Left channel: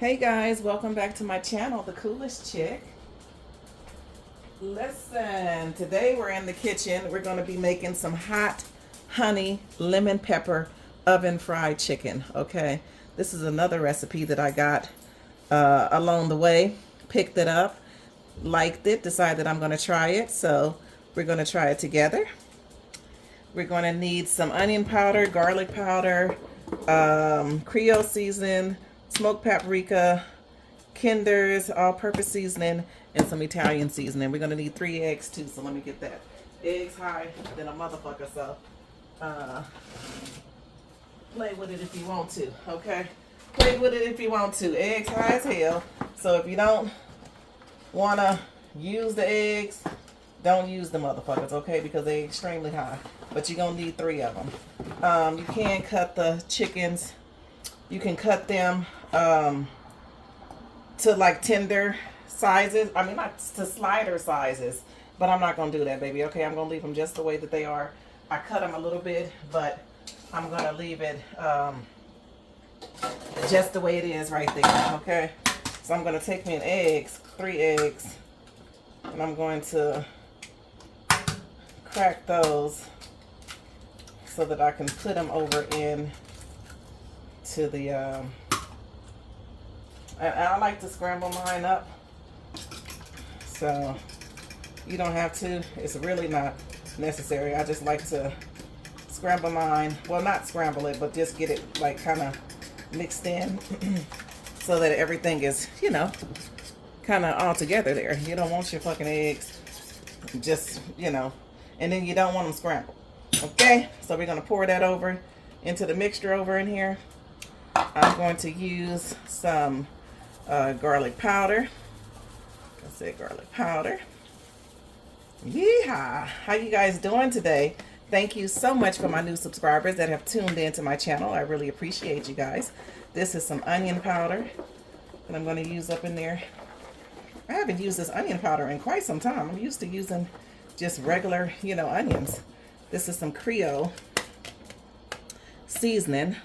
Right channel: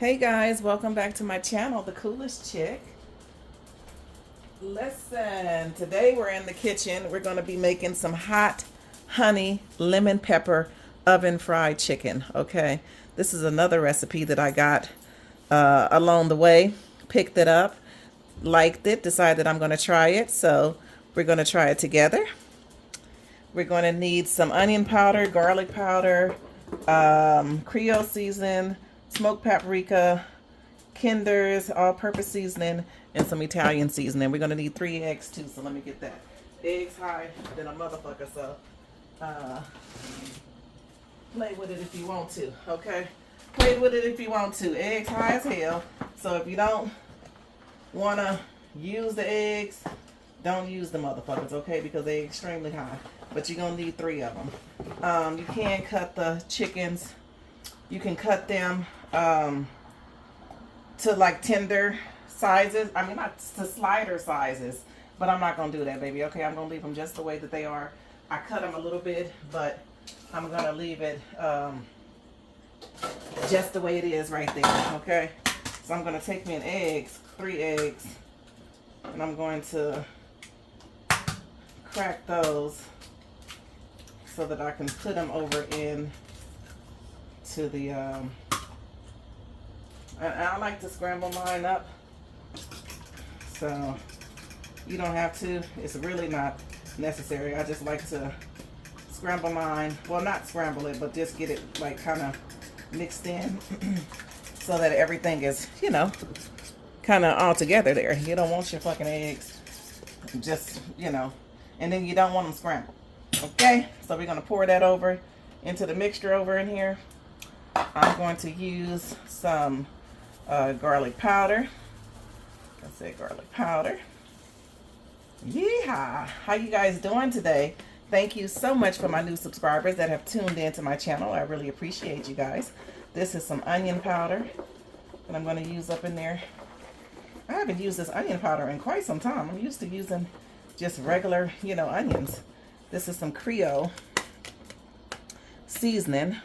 Hey guys, welcome back to my channel, The Coolest Chick. Listen, today we're in the kitchen. We're going to be making some hot honey lemon pepper oven fried chicken, okay? This is another recipe that I got along the way. Picked it up, liked it, decided I'm going to try it, so we're going to try it together. We're going to need some onion powder, garlic powder, Creole seasoning, smoked paprika, Kinder's all-purpose seasoning, and some Italian seasoning. We're going to need 3 eggs too, so let me get that. Eggs high than a motherfucker, so play with it if you want to, okay? Play with it if you want to. Eggs high as hell, so if you don't want to use the eggs, don't use the motherfuckers, okay? Because they're extremely high, but you're going to need 3 of them. You can cut the chickens. You can cut them to like tender sizes. I mean, not to slider sizes, but I'm not going to do that, baby. Okay, I'm going to leave them just the way that they are. I cut them a little bit, but I'm going to leave it just the way it is right there, okay? So I'm going to take me an eggs, 3 eggs, and I'm going to crack those so that I can put them over in to the and I like to scramble mine up, so you don't have to. It's really not necessary. I just like to scramble mine, well, not scramble it, but just get it like kind of mixed in so that everything is, you know, kind of all together there. You don't want your fucking eggs just, you know, and then you don't want them scrambled, okay? So we're going to pour that over into the mixture over in here. I'm going to use some garlic powder. I said garlic powder. Yeehaw! How you guys doing today? Thank you so much for my new subscribers that have tuned into my channel. I really appreciate you guys. This is some onion powder that I'm going to use up in there. I haven't used this onion powder in quite some time. I'm used to using just regular, you know, onions. This is some Creole seasoning.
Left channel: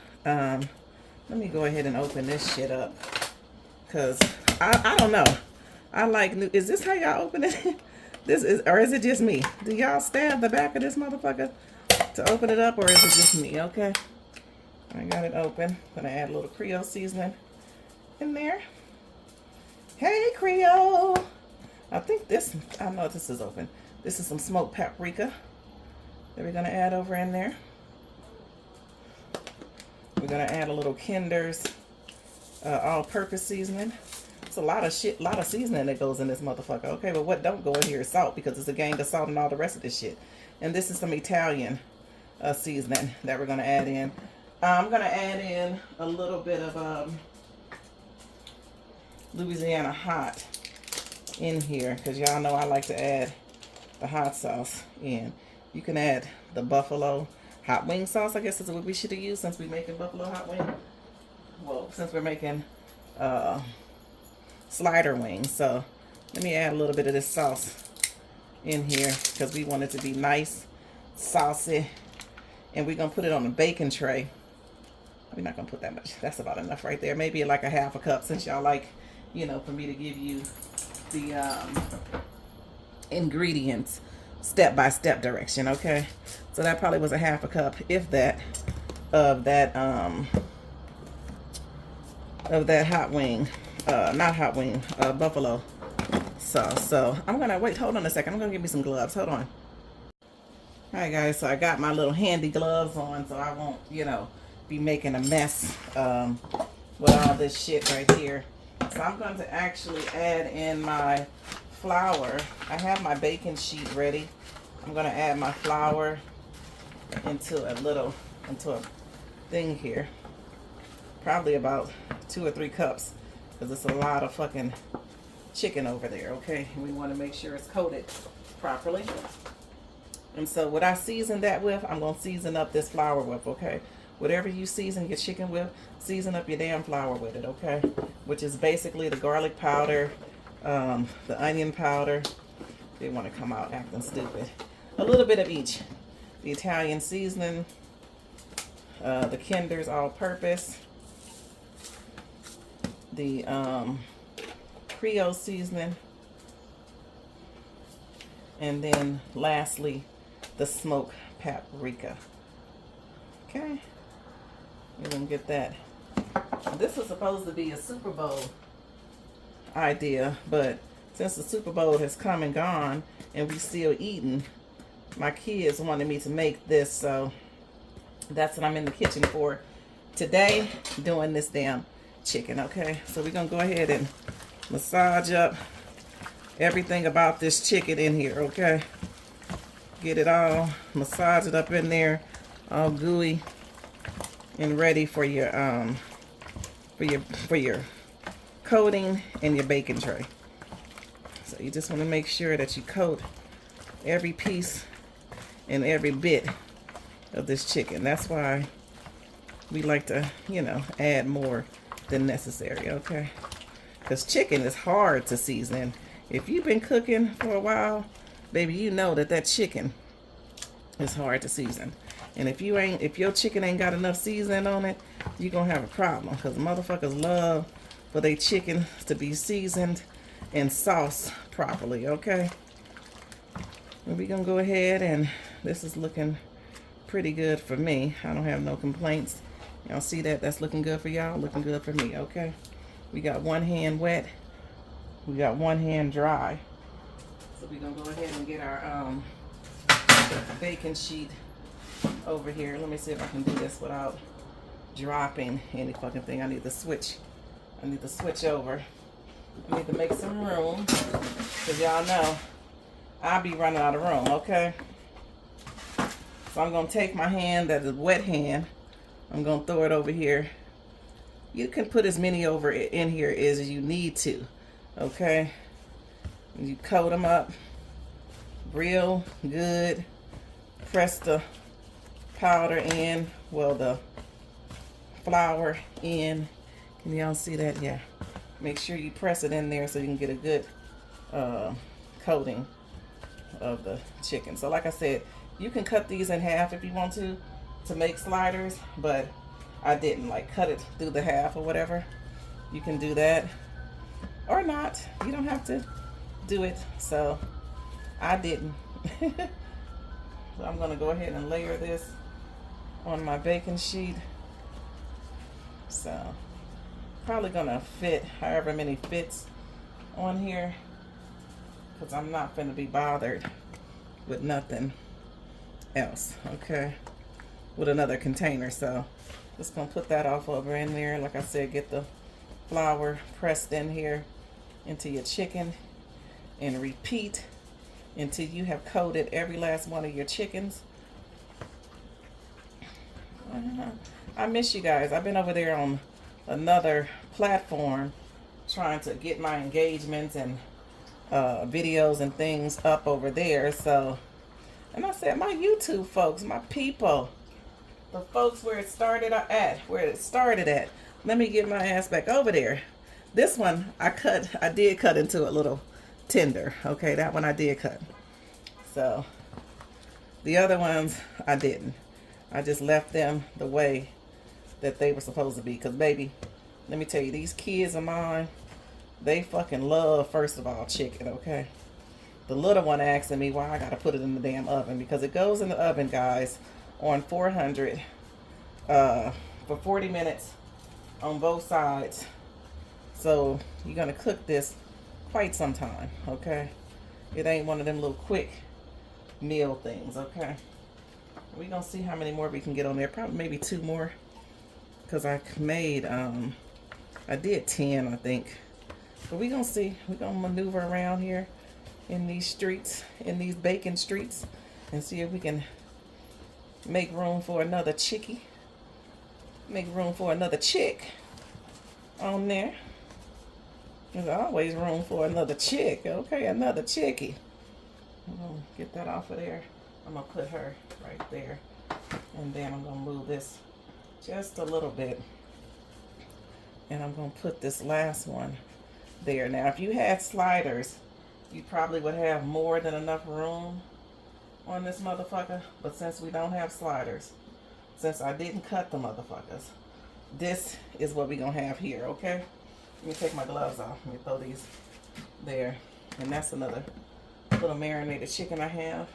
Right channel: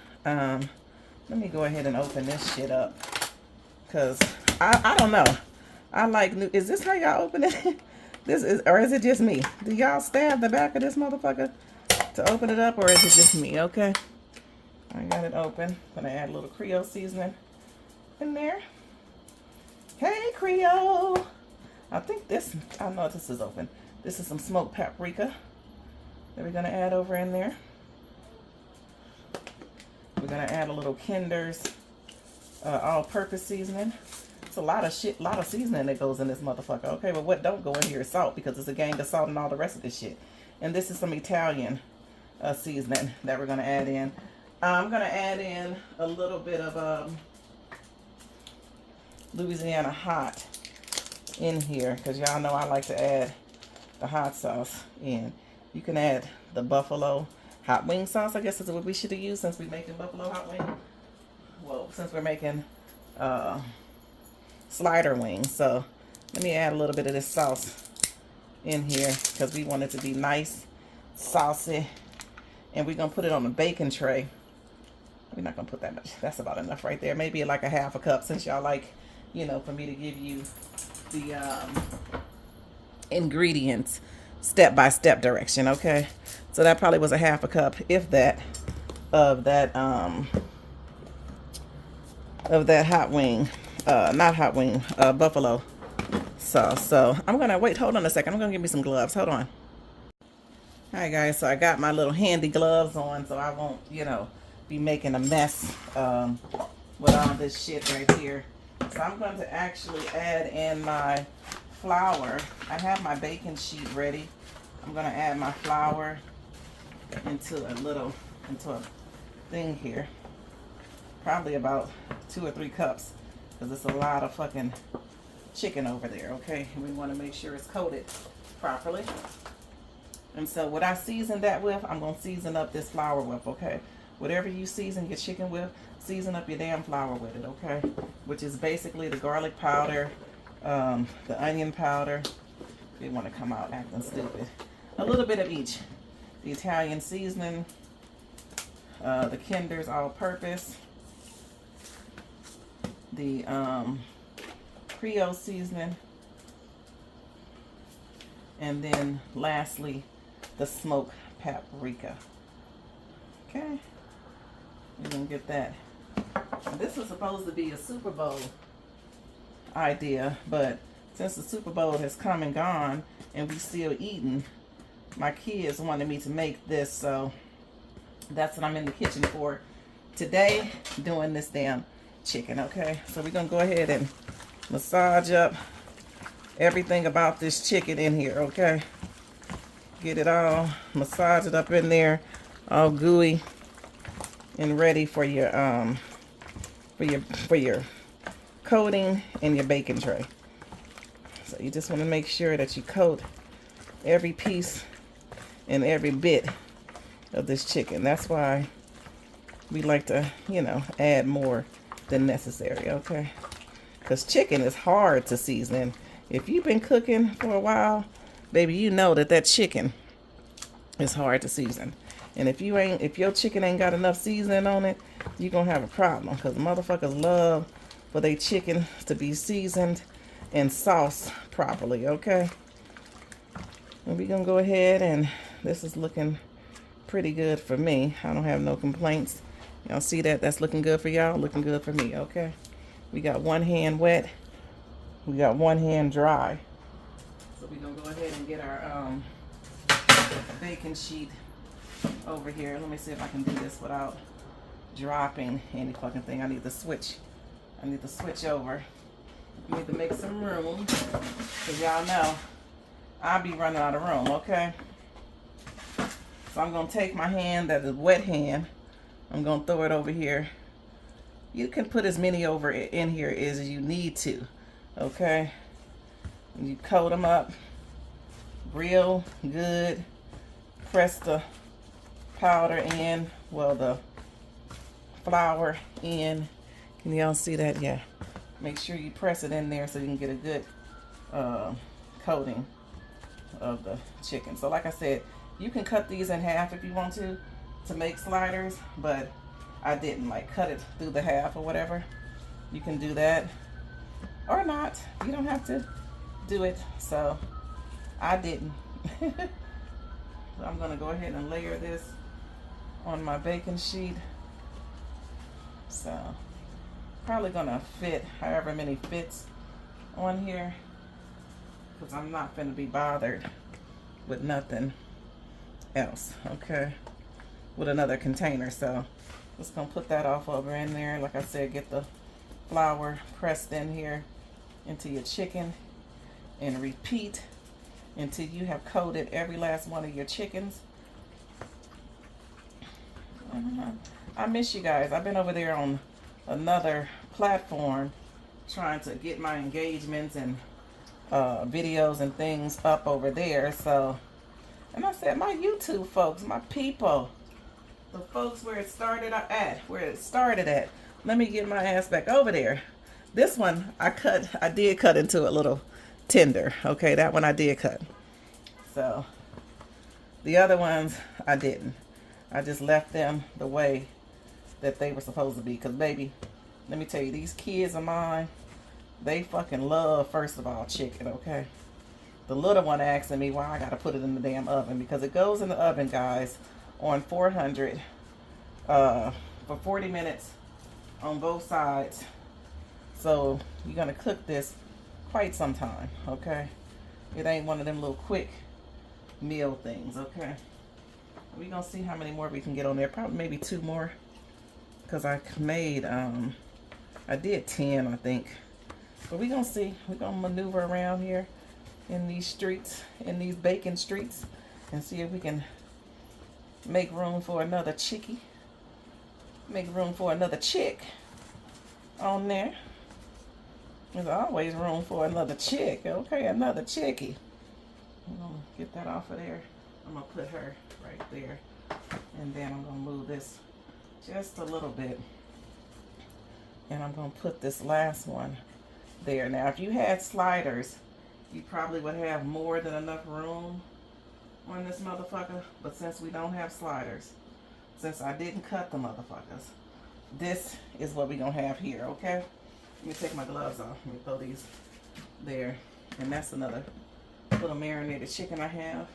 Let me go ahead and open this shit up, because I don't know. I like new. Is this how y'all open it? This is, or is it just me? Do y'all stab the back of this motherfucker to open it up, or is it just me? Okay, I got it open. Gonna add a little Creole seasoning in there. Hey Creole, I think this. I know this is open. This is some smoked paprika that we're gonna add over in there. We're gonna add a little Kinder's all-purpose seasoning. It's a lot of shit, a lot of seasoning that goes in this motherfucker. Okay, but what don't go in here is salt, because it's a gang of salt and all the rest of this shit. And this is some Italian seasoning that we're gonna add in. I'm gonna add in a little bit of Louisiana hot in here, because y'all know I like to add the hot sauce in. You can add the buffalo hot wing sauce, I guess is what we should have used, since we're making buffalo hot wing. Well, since we're making slider wings. So let me add a little bit of this sauce in here, because we want it to be nice, saucy. And we're going to put it on a baking tray. We're not going to put that much. That's about enough right there. Maybe like a half a cup, since y'all like, you know, for me to give you the ingredients step-by-step direction, okay? So that probably was a half a cup, if that, of that hot wing, not hot wing, buffalo sauce. So I'm gonna wait, hold on a second. I'm gonna give me some gloves, hold on. All right guys, so I got my little handy gloves on, so I won't, you know, be making a mess with all this shit right here. So I'm going to actually add in my flour. I have my baking sheet ready. I'm going to add my flour into a thing here. Probably about 2 or 3 cups, because it's a lot of fucking chicken over there, okay? And we want to make sure it's coated properly. And so what I season that with, I'm going to season up this flour with, okay? Whatever you season your chicken with, season up your damn flour with it, okay? Which is basically the garlic powder, the onion powder. They want to come out acting stupid. A little bit of each. The Italian seasoning, the Kinder's all-purpose, the Creole seasoning, and then lastly the smoked paprika. Okay, we're gonna get that. This was supposed to be a Super Bowl idea, but since the Super Bowl has come and gone and we still eating, my kids wanted me to make this, so that's what I'm in the kitchen for today, doing this damn chicken. Okay, so we're gonna go ahead and massage up everything about this chicken in here. Okay, get it all, massage it up in there, all gooey and ready for your coating and your baking tray. So you just want to make sure that you coat every piece and every bit of this chicken. That's why we like to, you know, add more than necessary. Okay, because chicken is hard to season. If you've been cooking for a while, baby, you know that chicken is hard to season. And if your chicken ain't got enough seasoning on it, you're gonna have a problem, because motherfuckers love for their chicken to be seasoned and sauced properly. Okay, and we're gonna go ahead, and this is looking pretty good for me. I don't have no complaints. Y'all see that? That's looking good for y'all, looking good for me. Okay, we got one hand wet, we got one hand dry. So we're gonna go ahead and get our baking sheet over here. Let me see if I can do this without dropping any fucking thing. I need to switch over. I need to make some room, because y'all know I'll be running out of room. Okay, so I'm gonna take my hand, that is wet hand, I'm gonna throw it over here. You can put as many over in here as you need to. Okay, and you coat them up real good. Press the powder in, well, the flour in. Can y'all see that? Yeah. Make sure you press it in there so you can get a good coating of the chicken. So like I said, you can cut these in half if you want to make sliders, but I didn't, like, cut it through the half or whatever. You can do that or not. You don't have to do it. So I didn't. So I'm gonna go ahead and layer this on my baking sheet. So probably gonna fit however many fits on here, because I'm not gonna be bothered with nothing else. Okay, with another container. So just gonna put that off over in there. Like I said, get the flour pressed in here into your chicken, and repeat until you have coated every last one of your chickens. I miss you guys. I've been over there on another platform trying to get my engagements and videos and things up over there. So, and I said, my YouTube folks, my people, the folks where it started at, let me get my ass back over there. This one I did cut into a little tender. Okay, that one I did cut. So the other ones I didn't. I just left them the way that they were supposed to be. Because baby, let me tell you, these kids of mine, they fucking love, first of all, chicken. Okay, the little one asking me why I gotta put it in the damn oven, because it goes in the oven, guys, on 400 for 40 minutes on both sides. So you're gonna cook this quite some time. Okay, it ain't one of them little quick meal things. Okay, we're gonna see how many more we can get on there. Probably maybe 2 more, because I made I did 10, I think. But we're gonna see. We're gonna maneuver around here in these streets, in these bacon streets, and see if we can make room for another chickie, make room for another chick on there. There's always room for another chick. Okay, another chickie. I'm gonna get that off of there. I'm gonna put her right there, and then I'm gonna move this just a little bit, and I'm gonna put this last one there. Now, if you had sliders, you probably would have more than enough room on this motherfucker. But since we don't have sliders, since I didn't cut the motherfuckers, this is what we're gonna have here. Okay, Let me take my gloves off. Let me throw these there. And that's another little marinated chicken I have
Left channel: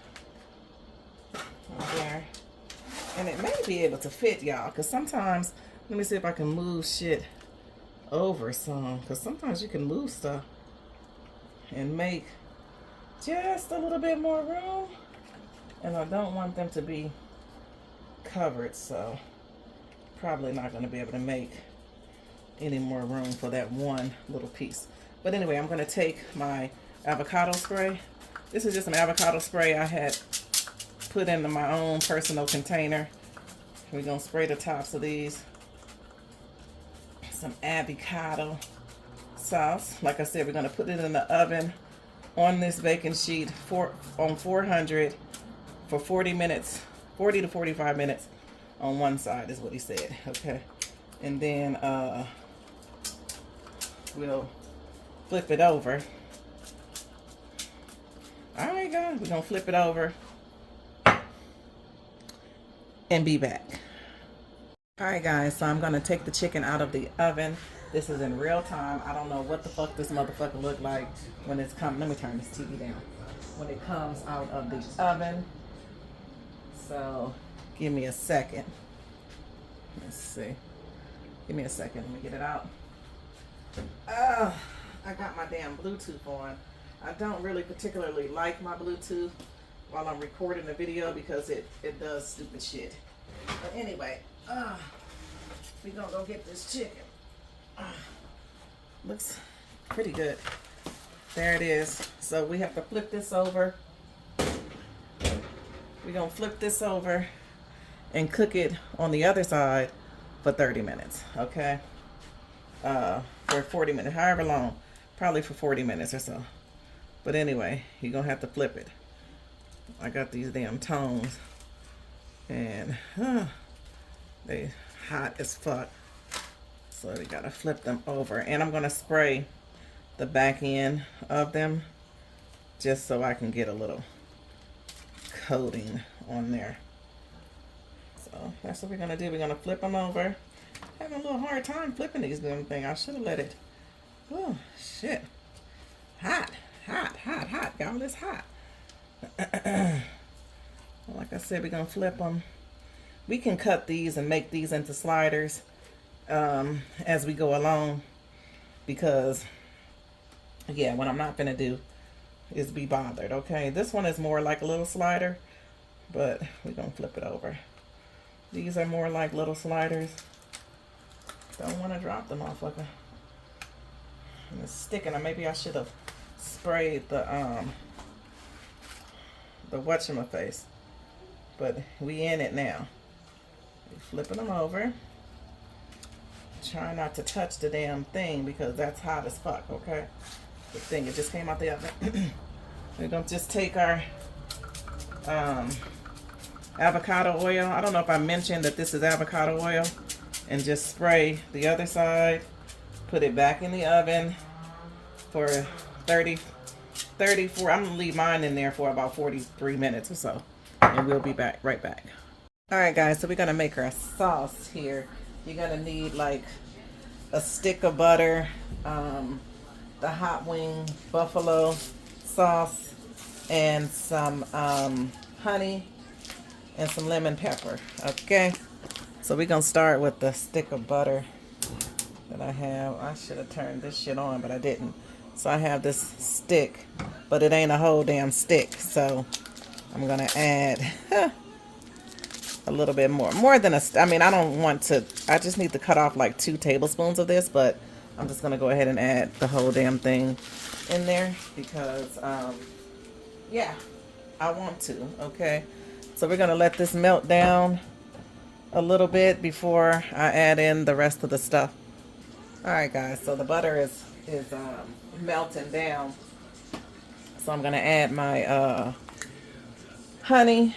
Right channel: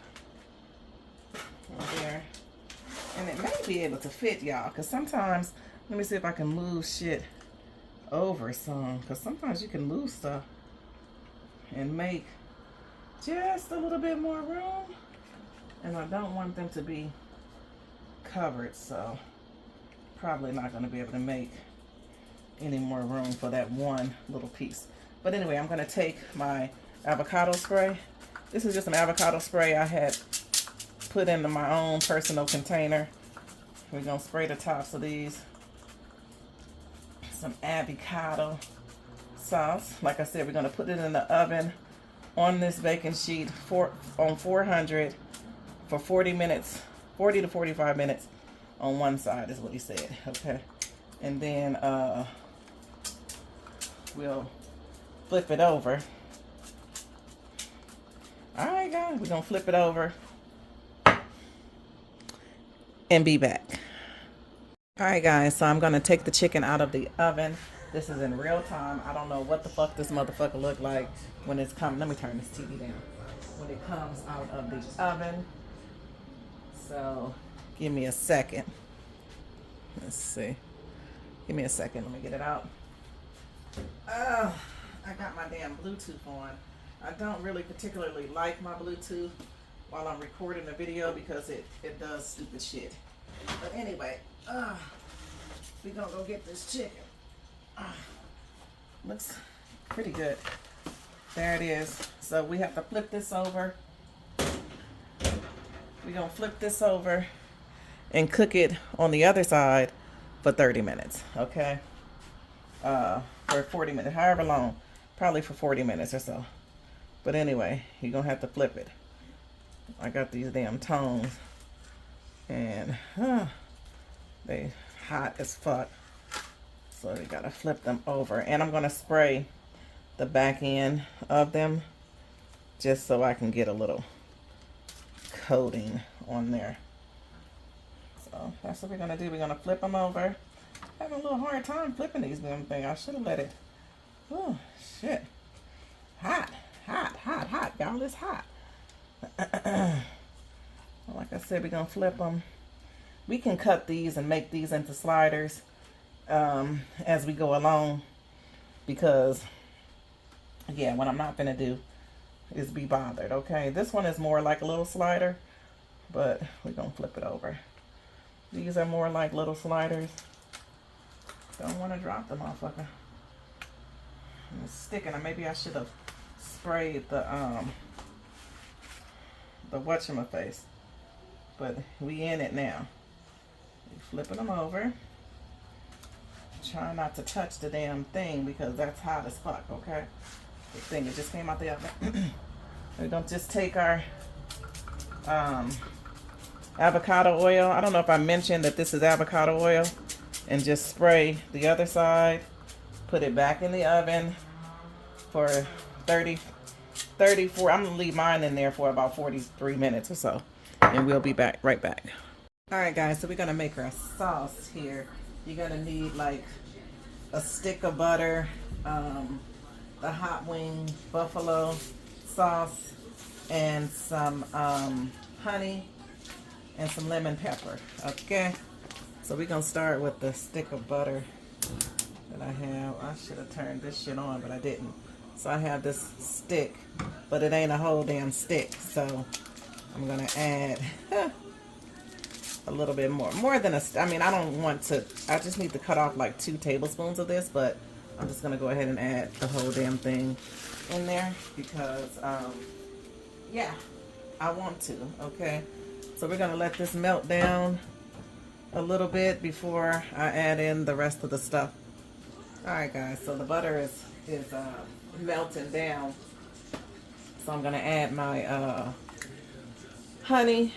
right there. And it may be able to fit, y'all, because sometimes, let me see if I can move shit over some, because sometimes you can move stuff and make just a little bit more room, and I don't want them to be covered, so probably not going to be able to make any more room for that one little piece. But anyway, I'm going to take my avocado spray. This is just an avocado spray I had put into my own personal container. We're going to spray the tops of these. Some avocado sauce. Like I said, we're going to put it in the oven on this baking sheet on 400 for 40 minutes, 40 to 45 minutes on one side is what he said. Okay. And then we'll flip it over. All right, guys, we're going to flip it over and be back. All right, guys, so I'm going to take the chicken out of the oven. This is in real time. I don't know what the fuck this motherfucker look like when it's coming. Let me turn this TV down. When it comes out of the oven. So, give me a second. Let's see. Give me a second. Let me get it out. Oh, I got my damn Bluetooth on. I don't really particularly like my Bluetooth while I'm recording the video because it does stupid shit. But anyway, we're gonna go get this chicken. Looks pretty good. There it is. So we have to flip this over. We're gonna flip this over and cook it on the other side for 30 minutes, okay? For 40 minutes, however long, probably for 40 minutes or so. But anyway, you're gonna have to flip it. I got these damn tongs and they hot as fuck. So we gotta flip them over. And I'm gonna spray the back end of them just so I can get a little coating on there. So that's what we're gonna do. We're gonna flip them over. Having a little hard time flipping these damn things. I should have let it. Oh shit. Hot, hot, hot, hot. Y'all, it's hot. Like I said, we're gonna flip them. We can cut these and make these into sliders as we go along, because yeah, what I'm not gonna do is be bothered. Okay, this one is more like a little slider, but we're gonna flip it over. These are more like little sliders. Don't want to drop the motherfucker. And it's sticking. Or maybe I should have sprayed the whatchamaface. But we in it now. We flipping them over. Try not to touch the damn thing because that's hot as fuck, okay? The thing, it just came out the oven. We're gonna just take our avocado oil. I don't know if I mentioned that this is avocado oil. And just spray the other side. Put it back in the oven for 34. I'm gonna leave mine in there for about 43 minutes or so. And we'll be back, right back. All right, guys, so we're gonna make our sauce here. You're gonna need like a stick of butter, the hot wing buffalo sauce, and some honey and some lemon pepper, okay? So we're gonna start with the stick of butter that I have. I should have turned this shit on, but I didn't. So I have this stick, but it ain't a whole damn stick. So I'm gonna add a little bit more than I mean, I don't want to, I just need to cut off like 2 tablespoons of this, but I'm just gonna go ahead and add the whole damn thing in there because, yeah, I want to, okay? So we're gonna let this melt down a little bit before I add in the rest of the stuff. All right, guys, so the butter is melting down. So I'm gonna add my honey.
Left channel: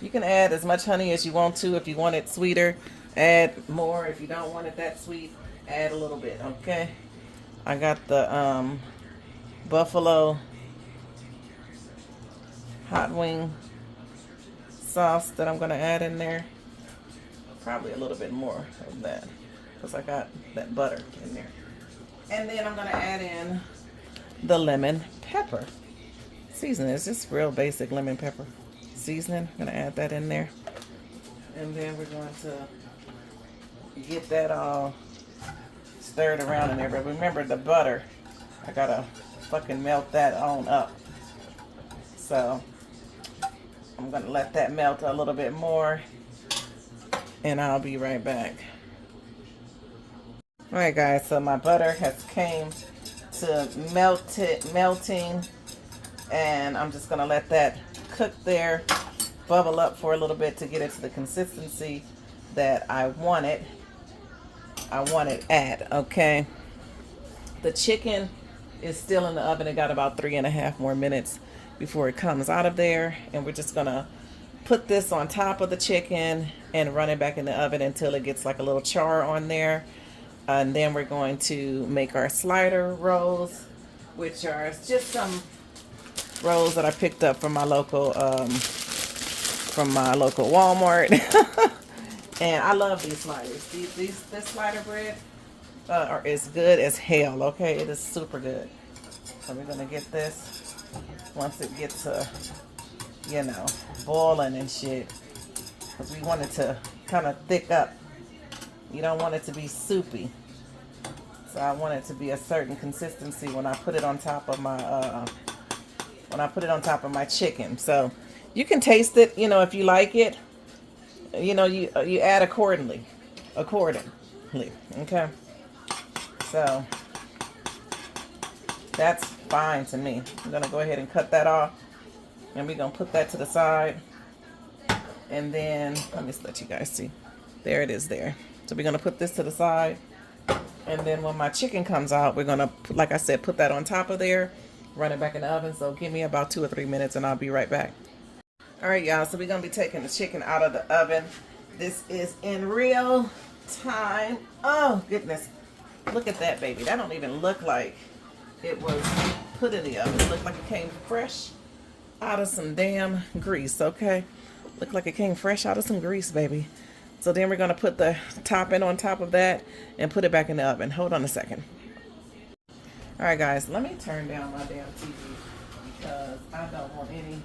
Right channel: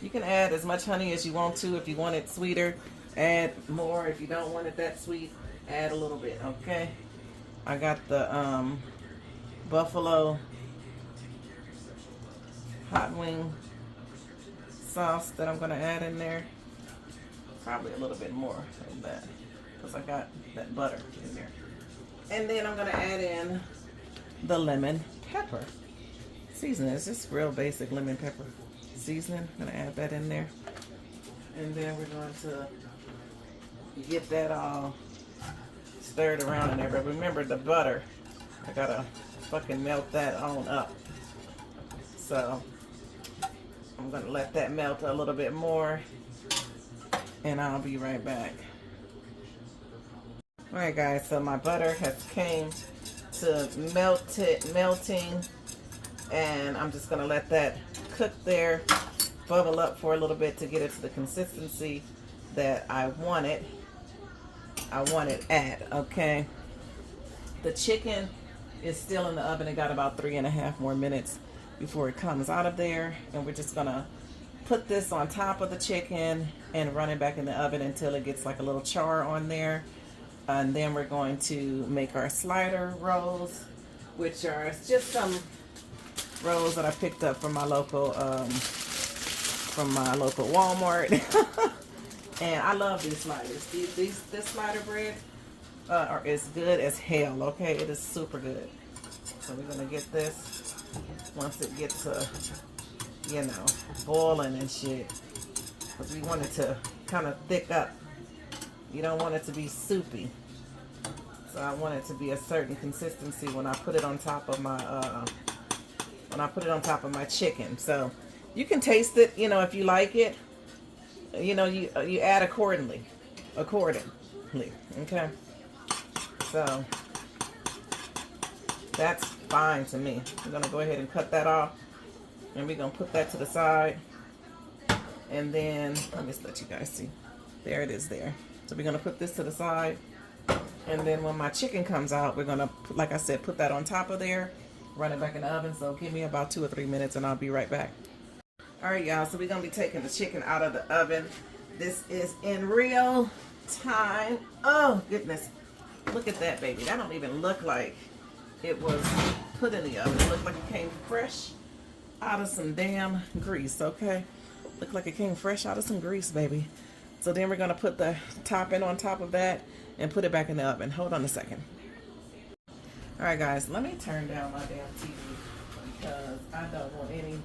You can add as much honey as you want to. If you want it sweeter, add more. If you don't want it that sweet, add a little bit, okay? I got the buffalo hot wing sauce that I'm gonna add in there. Probably a little bit more than that because I got that butter in there. And then I'm gonna add in the lemon pepper seasoning. It's just real basic lemon pepper seasoning. I'm gonna add that in there. And then we're going to get that all stirred around in there. But remember the butter, I gotta fucking melt that on up. So I'm gonna let that melt a little bit more and I'll be right back. All right guys, so my butter has came to melting, and I'm just gonna let that cook there, bubble up for a little bit to get it to the consistency that I want it at, okay? The chicken is still in the oven. It got about 3.5 more minutes before it comes out of there, and we're just gonna put this on top of the chicken and run it back in the oven until it gets like a little char on there. And then we're going to make our slider rolls, which are just some rolls that I picked up from my local Walmart. And I love these sliders. This slider bread is good as hell. Okay, it is super good. So we're gonna get this once it gets to, you know, boiling and shit, because we want it to kind of thick up. You don't want it to be soupy. So I want it to be a certain consistency when I put it on top of my chicken. So you can taste it, you know, if you like it. You know, you add accordingly. Okay. So that's fine to me. I'm gonna go ahead and cut that off, and we're gonna put that to the side. And then let me just let you guys see. There it is there. So we're gonna put this to the side, and then when my chicken comes out, we're gonna, like I said, put that on top of there, run it back in the oven. So give me about 2 or 3 minutes and I'll be right back. All right, y'all, so we're gonna be taking the chicken out of the oven. This is in real time. Oh goodness, look at that baby. That don't even look like it was put in the oven. It looked like it came fresh out of some damn grease, okay? Looked like it came fresh out of some grease, baby. So then we're gonna put the topping on top of that and put it back in the oven. Hold on a second. All right, guys, let me turn down my damn TV because I don't want any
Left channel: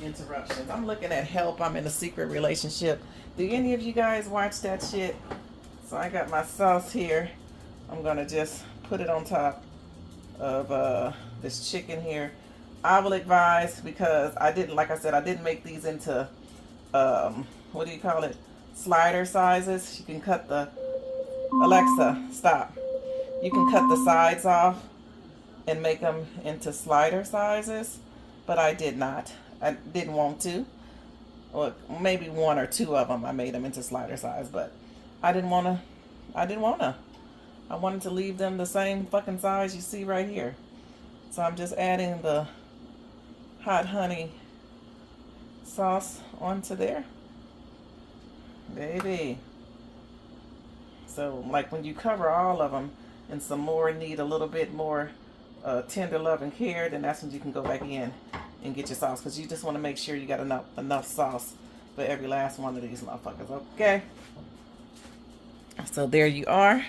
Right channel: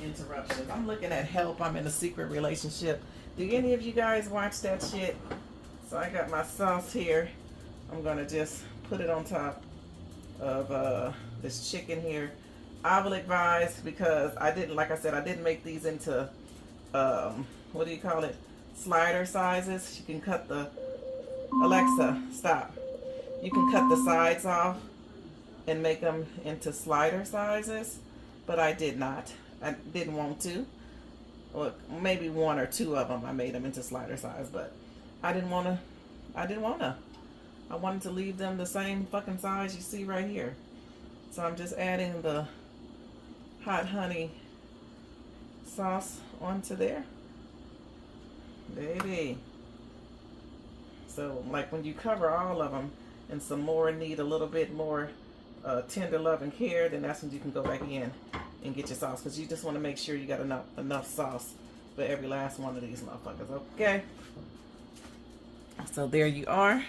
interruptions. I'm looking at Help, I'm in a Secret Relationship. Do any of you guys watch that shit? So I got my sauce here. I'm gonna just put it on top of this chicken here. I will advise, because I didn't, like I said, I didn't make these into what do you call it, slider sizes. You can cut the, Alexa, stop. You can cut the sides off and make them into slider sizes, but I did not. I didn't want to. Or maybe 1 or 2 of them I made them into slider size, but I didn't want to. I wanted to leave them the same fucking size you see right here. So I'm just adding the hot honey sauce onto there. Baby. So like when you cover all of them and some more need a little bit more tender love and care, then that's when you can go back in and get your sauce, because you just want to make sure you got enough sauce for every last one of these motherfuckers. Okay, so there you are.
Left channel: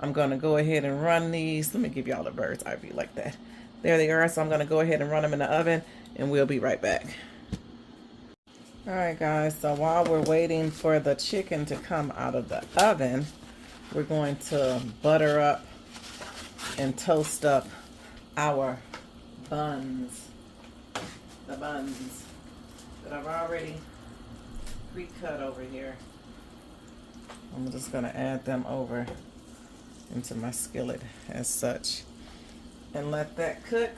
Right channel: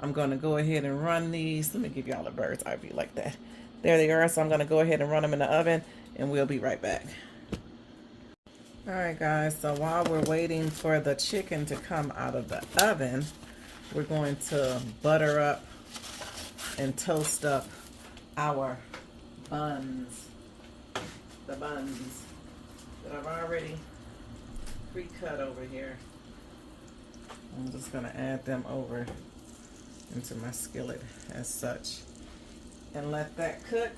I'm gonna go ahead and run these. Let me give y'all a bird's eye view like that. There they are. So I'm gonna go ahead and run them in the oven, and we'll be right back. All right, guys, so while we're waiting for the chicken to come out of the oven, we're going to butter up and toast up our buns. The buns that I've already pre-cut over here. I'm just gonna add them over into my skillet as such and let that cook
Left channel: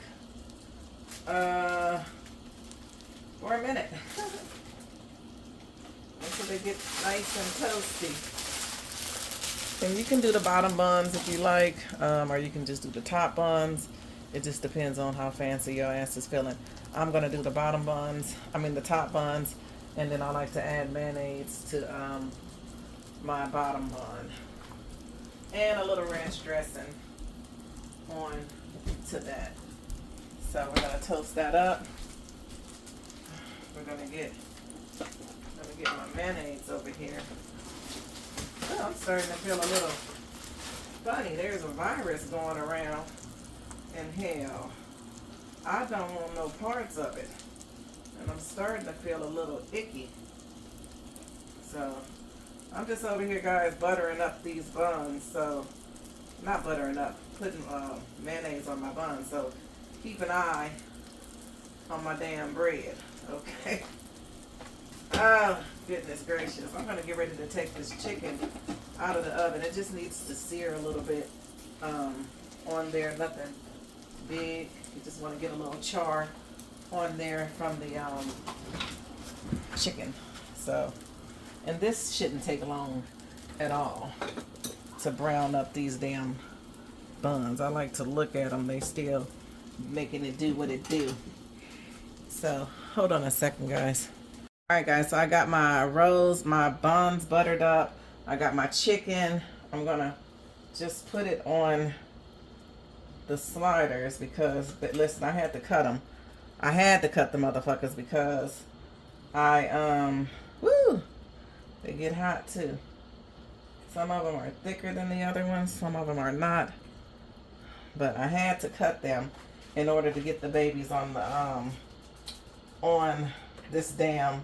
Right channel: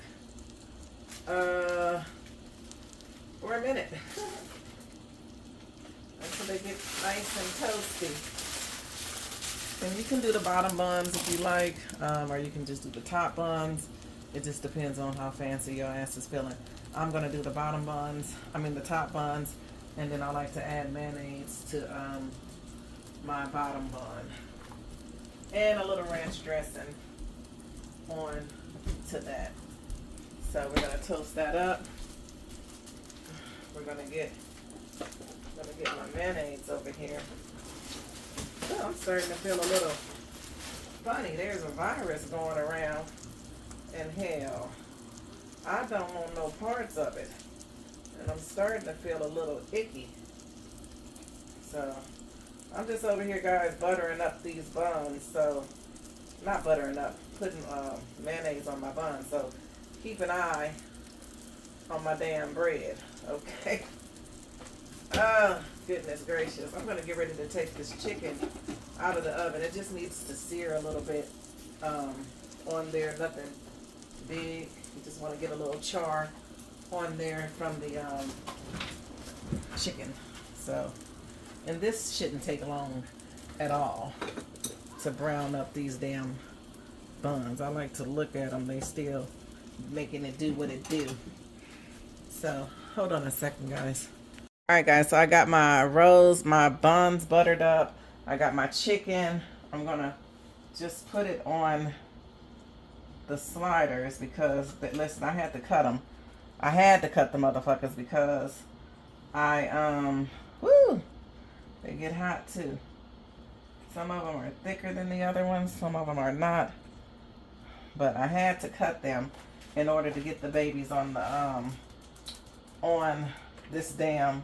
for a minute until they get nice and toasty. And you can do the bottom buns if you like, or you can just do the top buns. It just depends on how fancy your ass is feeling. I'm gonna do the bottom buns, the top buns, and then I like to add mayonnaise to my bottom bun. And a little ranch dressing on to that. So we're gonna toast that up. We're gonna get my mayonnaise over here. Oh, I'm starting to feel a little funny, there's a virus going around, and hell, I don't want no parts of it. And I'm starting to feel a little icky. So, I'm just over here, guys, buttering up these buns. So, not buttering up, putting mayonnaise on my buns. So, keep an eye on my damn bread, okay? Oh, goodness gracious. I'm going to get ready to take this chicken out of the oven. It just needs to sear a little bit on there. Nothing big. You just want to get a little char on there from the chicken. So, and this shouldn't take long at all to brown up these damn buns. I like to look at them. They still making it do what it do. So, hold on a second, guys. Alright, guys, so I got my my buns buttered up. I got my chicken. I'm going to just put it on the sliders because, but listen, I had to cut them. I had to cut the motherfuckers because they get hot too. Some of them are thicker than the other ones. Some of them are not. But I had to cut them in order to get the babies on the, on this damn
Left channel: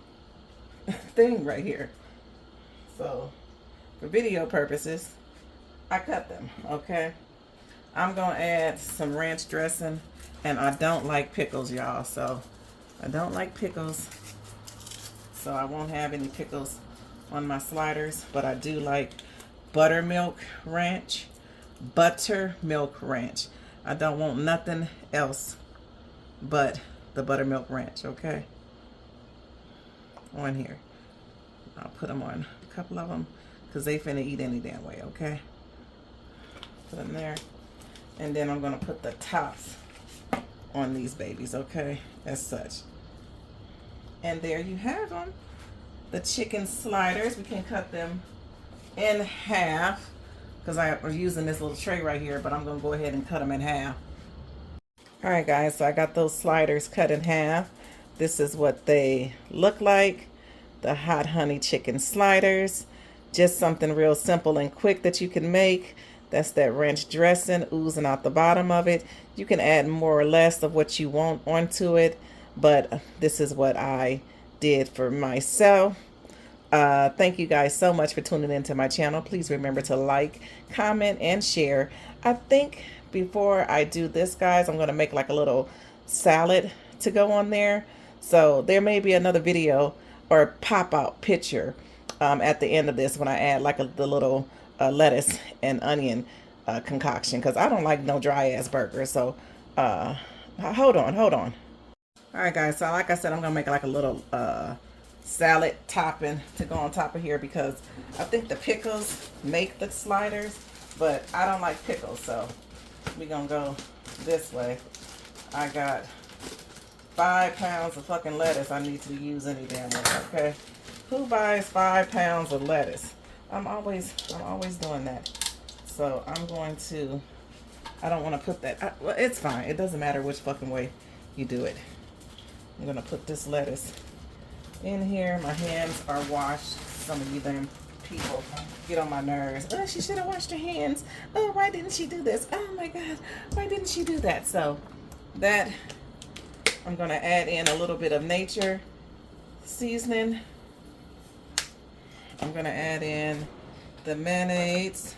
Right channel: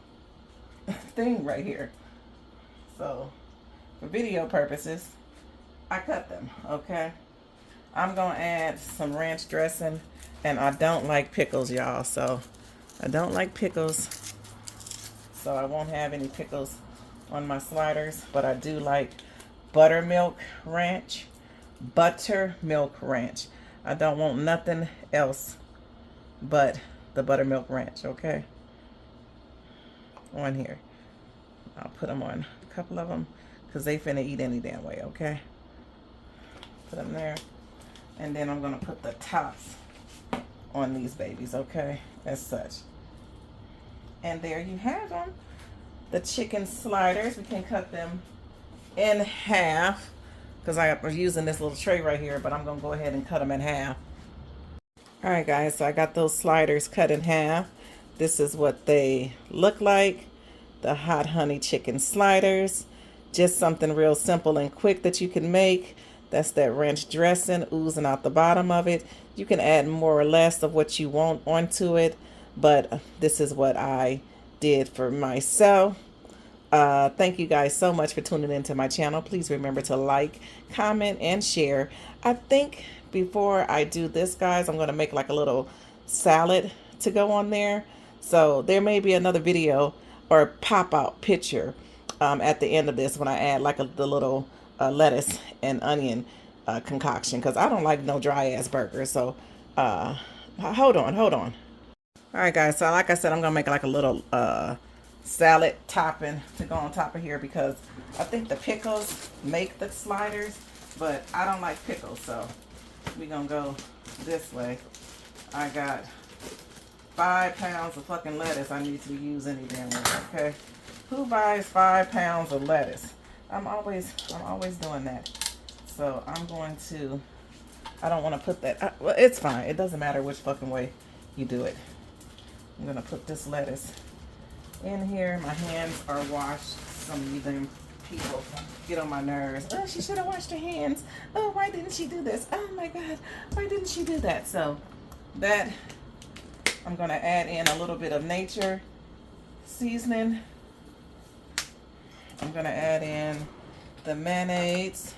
thing right here. So for video purposes, I cut them, okay? I'm gonna add some ranch dressing, and I don't like pickles, y'all, so I don't like pickles, so I won't have any pickles on my sliders, but I do like buttermilk ranch. Buttermilk ranch. I don't want nothing else but the buttermilk ranch, okay? On here. I'll put them on, a couple of them, because they finna eat any damn way, okay? Put them there. And then I'm gonna put the tops on these babies, okay? As such. And there you have them. The chicken sliders. We can cut them in half, because I'm using this little tray right here, but I'm gonna go ahead and cut them in half. All right, guys, so I got those sliders cut in half. This is what they look like, the hot honey chicken sliders. Just something real simple and quick that you can make. That's that ranch dressing oozing out the bottom of it. You can add more or less of what you want onto it, but this is what I did for myself. Thank you guys so much for tuning into my channel. Please remember to like, comment, and share. I think before I do this, guys, I'm going to make like a little salad to go on there. So there may be another video or pop-out picture at the end of this when I add like the little lettuce and onion concoction, because I don't like no dry ass burger. So hold on. All right, guys, so like I said, I'm gonna make like a little salad topping to go on top of here, because I think the pickles make the sliders, but I don't like pickles, so we're gonna go this way. I got 5 pounds of fucking lettuce I need to use any damn way, okay? Who buys 5 pounds of lettuce? I'm always doing that. So I'm going to, I don't want to put that, well, it's fine. It doesn't matter which fucking way you do it. I'm going to put this lettuce in here. My hands are washed. Some of you damn people get on my nerves. Oh, she should have washed her hands. Oh, why didn't she do this? Oh my God, why didn't she do that? So that, I'm going to add in a little bit of nature seasoning. I'm going to add in the mayonnaise.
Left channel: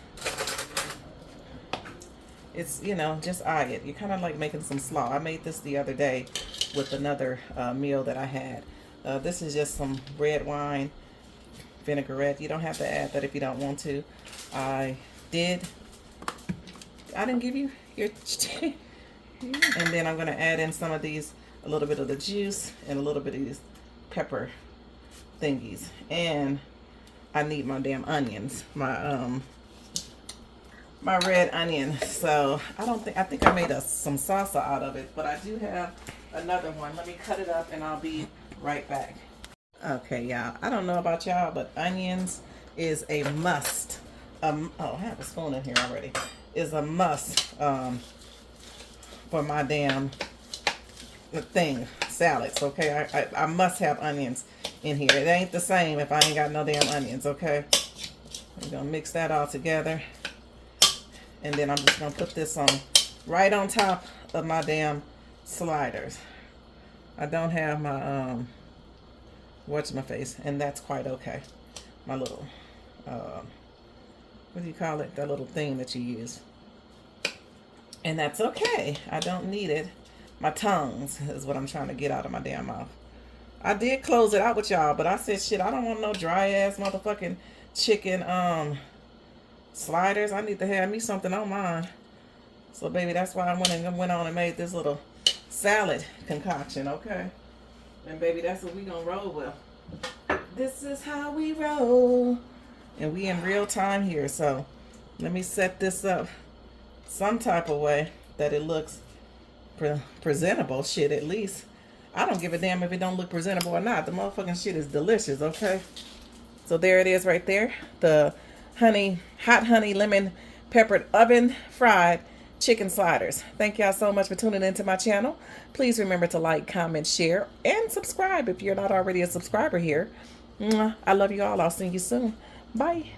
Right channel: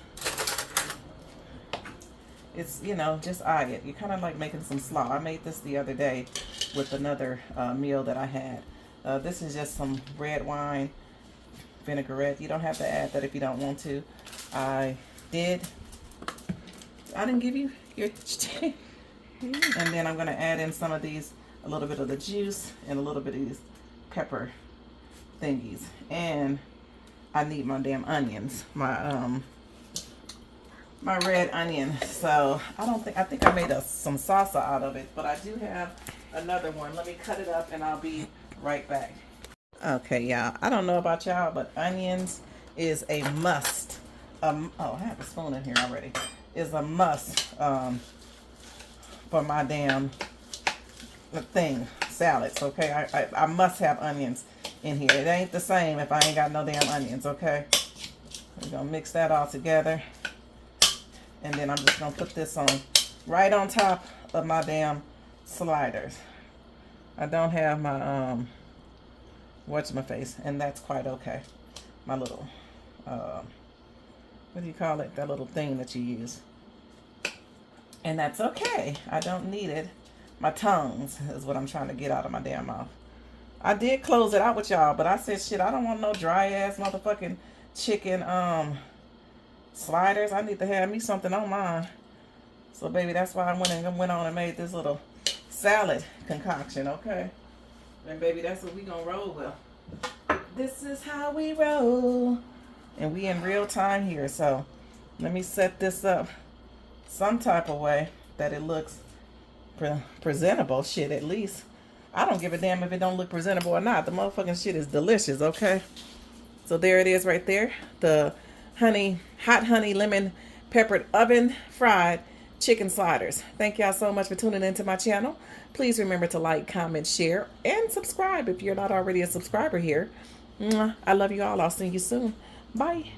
It's, you know, just eye it. You're kind of like making some slaw. I made this the other day with another meal that I had. This is just some red wine vinaigrette. You don't have to add that if you don't want to. I didn't give you your and then I'm going to add in some of these, a little bit of the juice and a little bit of these pepper thingies. And I need my damn onions, my red onion. So I think I made some salsa out of it, but I do have another one. Let me cut it up and I'll be right back. Okay, y'all, I don't know about y'all, but onions is a must. Oh, I have a spoon in here already. Is a must for my damn salads, okay? I must have onions in here. It ain't the same if I ain't got no damn onions, okay? We're gonna mix that all together. And then I'm just gonna put this on right on top of my damn sliders. I don't have my what's-my-face, and that's quite okay. My little what do you call it? That little thing that you use. And that's okay. I don't need it. My tongues is what I'm trying to get out of my damn mouth. I did close it out with y'all, but I said, shit, I don't want no dry ass motherfucking chicken sliders. I need to have me something on mine. So baby, that's why I went on and made this little salad concoction, okay? And baby, that's what we gonna roll with. This is how we roll. And we in real time here, so let me set this up some type of way that it looks presentable. Shit, at least. I don't give a damn if it don't look presentable or not. The motherfucking shit is delicious, okay? So there it is right there. The hot honey lemon peppered oven fried chicken sliders. Thank y'all so much for tuning into my channel. Please remember to like, comment, share, and subscribe if you're not already a subscriber here. I love you all. I'll see you soon. Bye.